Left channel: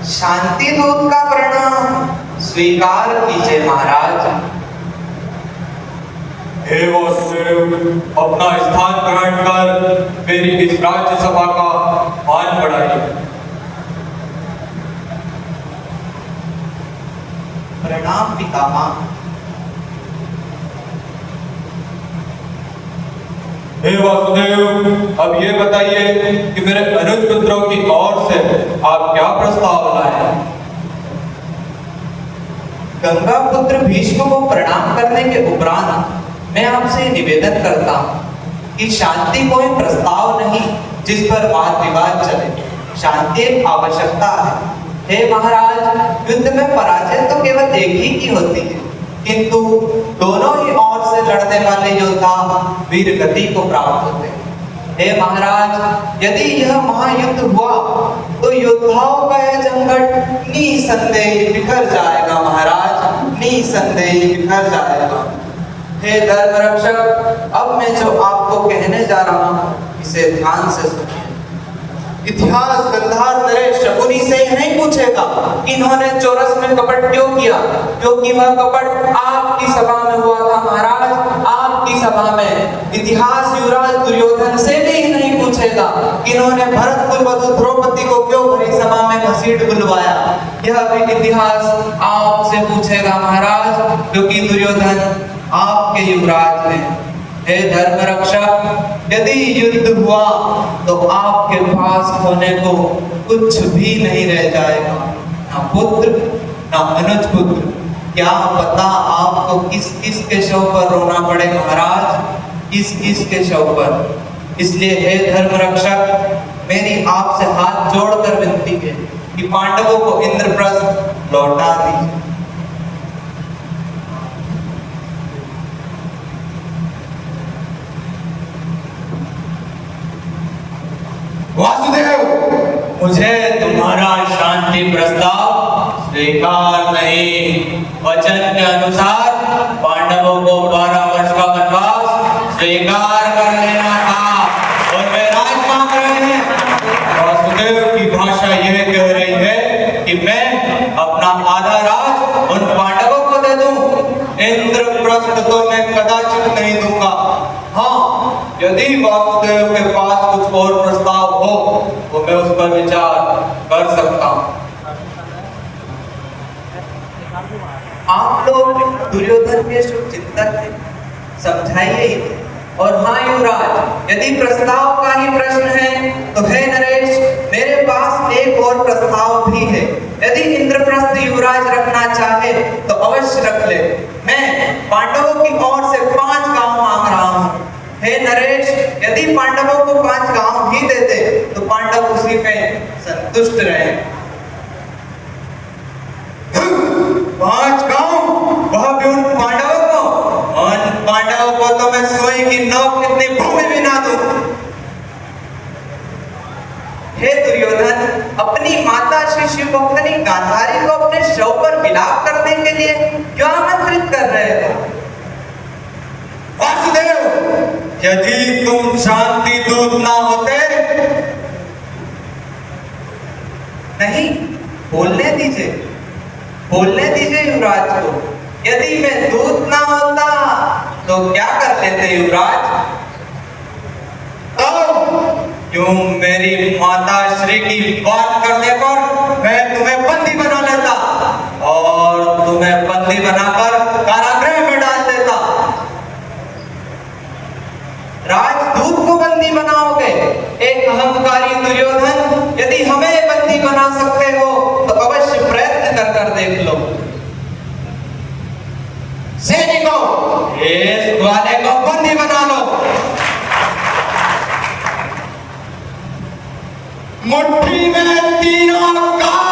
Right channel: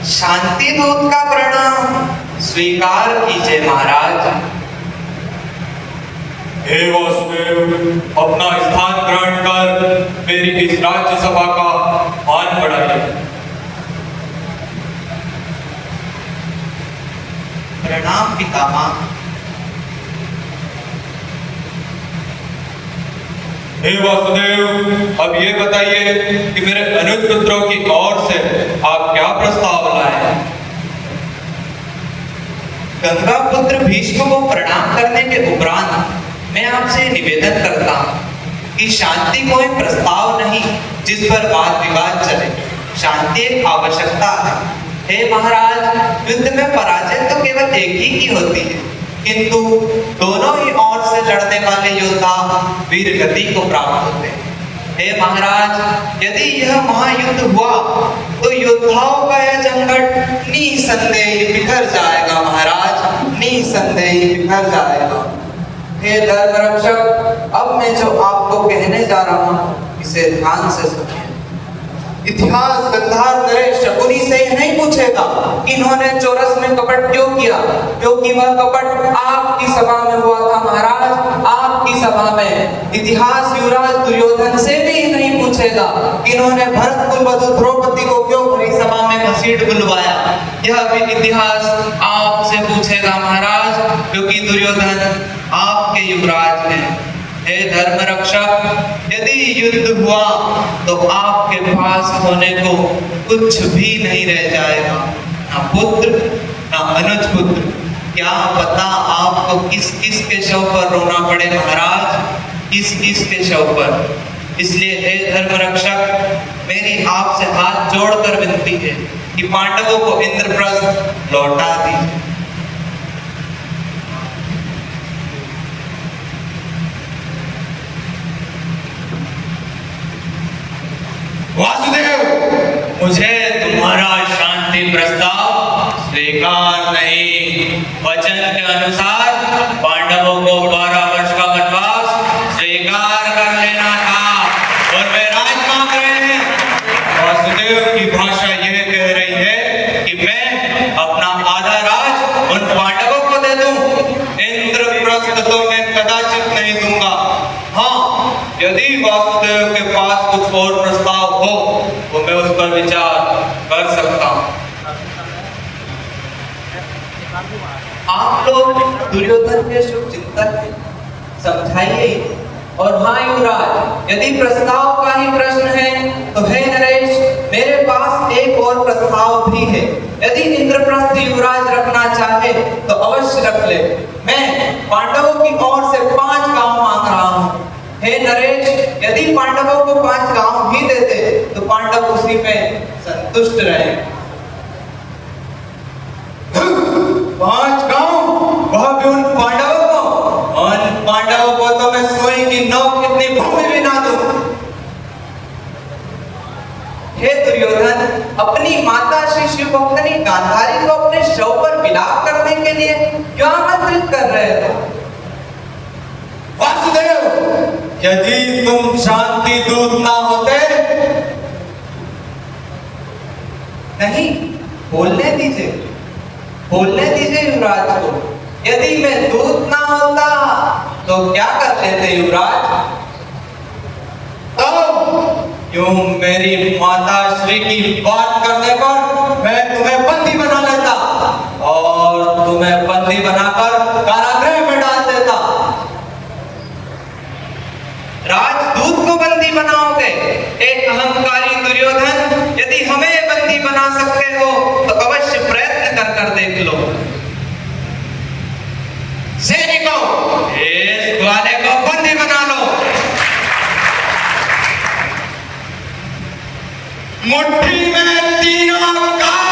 शांति दूत का प्रणाम स्वीकार कीजिए महाराज। हे वासुदेव, अपना स्थान ग्रहण कर मेरी इस राज्यसभा का मान बढ़ाइए। प्रणाम पितामह। हे वासुदेव, अब ये बताइए कि मेरे अनुज पुत्रों की ओर से आप क्या प्रस्ताव लाए? गंगा पुत्र भीष्म को प्रणाम करने के उपरांत मैं आपसे निवेदन करता हूँ कि शांति कोई प्रस्ताव नहीं जिस पर वाद विवाद चले। शांति एक आवश्यकता है। हे महाराज, युद्ध में पराजय तो केवल एक ही की होती है, किंतु दोनों ही ओर से लड़ने वाले योद्धा वीर गति को प्राप्त होते हैं। हे महाराज, यदि यह महायुद्ध हुआ तो योद्धाओं का यह जंगट निसंदेह बिखर जाएगा महाराज, निसंदेह बिखर जाएगा। हे धर्म रक्षक, अब मैं जो आपको कहने जा रहा हूँ इसे ध्यान से सुनिए। इतिहास गंधार नरेश शकुनी से नहीं पूछेगा कि इन्होंने चौरस में कपट क्यों किया, क्योंकि वह कपट आपकी सभा में हुआ था महाराज, आपकी सभा में। इतिहास युवराज दुर्योधन से भी नहीं पूछेगा कि इन्होंने भरत कुलवधु द्रौपदी को क्यों बड़ी सभा में घसीट बुलवाया। यह भी इतिहास आपसे पूछेगा महाराज, क्योंकि दुर्योधन आपके युवराज हैं। हे धर्म रक्षक, यदि युद्ध हुआ तो आपके पास होने को कुछ भी नहीं रह जाएगा, ना पुत्र ना अनुज पुत्र। क्या पता आपको किस किस के शव पर रोना पड़े महाराज, किस किस के शव पर। इसलिए हे धर्म रक्षक, मेरी आपसे हाथ जोड़कर विनती है कि पांडवों को इंद्रप्रस्थ लौटा दीजिए। वासुदेव, मुझे तुम्हारा शांति प्रस्ताव स्वीकार नहीं। वचन के अनुसार पांडवों को 12 वर्ष का वनवास स्वीकार कर लेना था और वे राज मांग रहे हैं। वासुदेव की भाषा यह कह रही है कि मैं अपना आधा राज उन पांडवों को दे दूं। इंद्रप्रस्थ तो मैं कदाचित नहीं दूंगा। हाँ, यदि वासुदेव के पास कुछ और प्रस्ताव हो तो मैं उस पर विचार कर सकता हूँ। आप लोग दुर्योधन के शुभ चिंतक हैं, समझाइए। और हाँ युवराज, यदि प्रस्ताव का ही प्रश्न है तो हे नरेश, मेरे पास एक और प्रस्ताव भी है। यदि इंद्रप्रस्थ युवराज रखना चाहे तो अवश्य रख ले। मैं पांडवों की ओर से 5 गांव मांग रहा हूँ। हे नरेश, यदि पांडवों को 5 गांव भी देते तो पांडव उसी में संतुष्ट रहे। 5 गांव, वह भी उन पांडवों को? उन पांडवों को तो मैं सोई की नोक कितनी भूमि भी ना दूं। हे दुर्योधन, अपनी माता श्री शिवभक्तनी गांधारी को अपने शव पर विलाप करने के लिए क्यों आमंत्रित कर रहे हो? वासुदेव, यदि तुम शांति दूत ना होते। नहीं, बोलने दीजिए, बोलने दीजिए युवराज को। यदि मैं दूत ना होता तो क्या कर लेते युवराज? क्यों मेरी माता श्री की बात करने पर मैं तुम्हें बंदी बना लेता और तुम्हें बंदी बनाकर कारागृह में डाल देता। राजदूत को बंदी बनाओगे? एक अहंकारी दुर्योधन, यदि हमें बंदी बना सकते हो तो अवश्य प्रयत्न कर देख लो। सैनिकों, इस ग्वाले को बंदी बना लो। मुट्ठी में 3 अंगार